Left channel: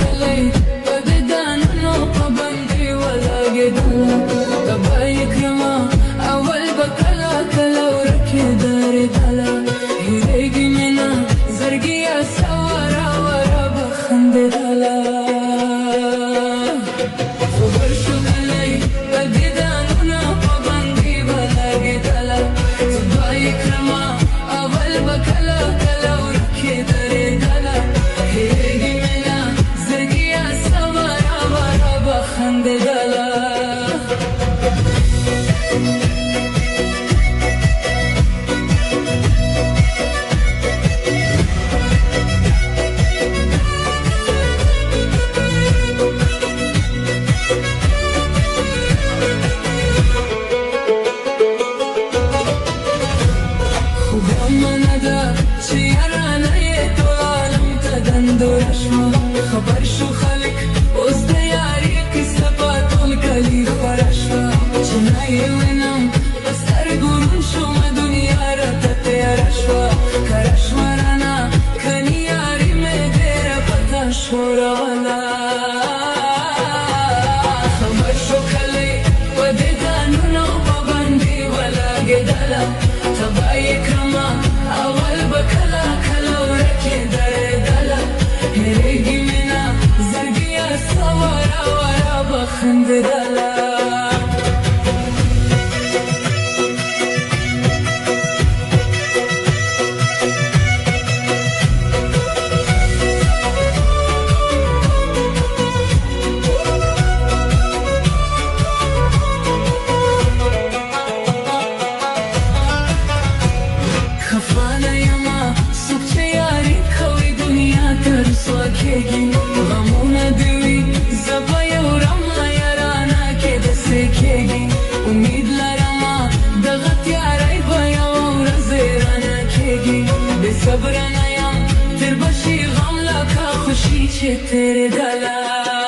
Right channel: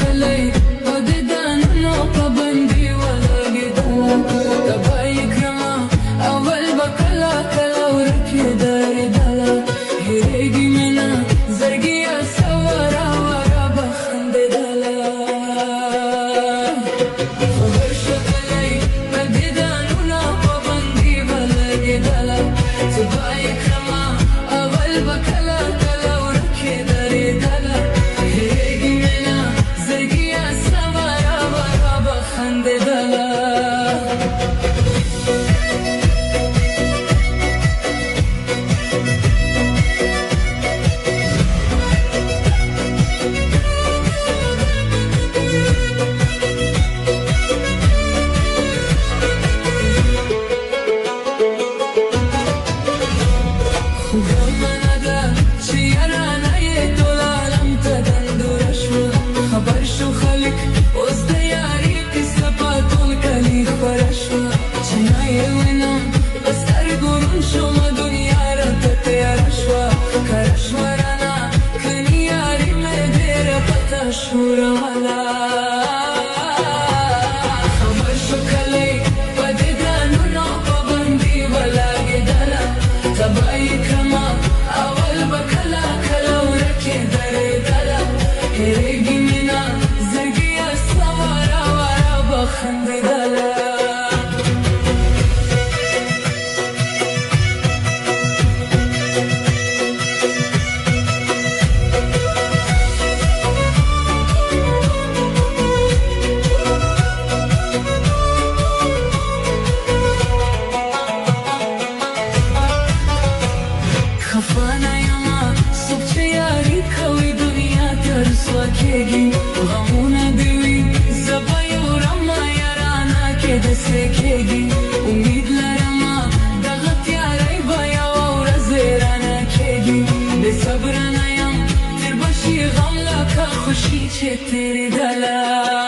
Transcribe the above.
کلی په دې دانونو پابندي ولګېدله کبه یې کړمه اول به کله کله ورکېدلېدله هېرېږي مینه زړګیه سواره واره به خندېدله خبر شو کلی په دې دانونو پابندي به لګېدله زه به یې کړمه اول به کله کله ورکېدلېدله هېرېږي مینه زړګیه سواره واره به خندېدله خبر شو خلک اوس د یارۍ کیسه په ټول کلي خپره شوه چې نه یې وینم په سترګو ړوند شومه دنیا راته تېره شوه کره شوه رانه کني یاري مې ډېره پته ښوروله خبر شو کلی په دې دانونو پابندي به لګېدله تبه یې کړمه اول به کله کله ورکېدلېدله هېرېږي مینه زړګیه سواره واره به خندېدله خفه نه یمه څوک چې یاري کوي دنیا ته رسوا کېږي غمونه دې وي زه به یې وړمه یارانه کې داسې کېږي امید لرمه دغه تیارۍ به یوه ورځ رانه کېږي بې صبره نه یم تېر به شي غم لکه خوښي چې تېرېدله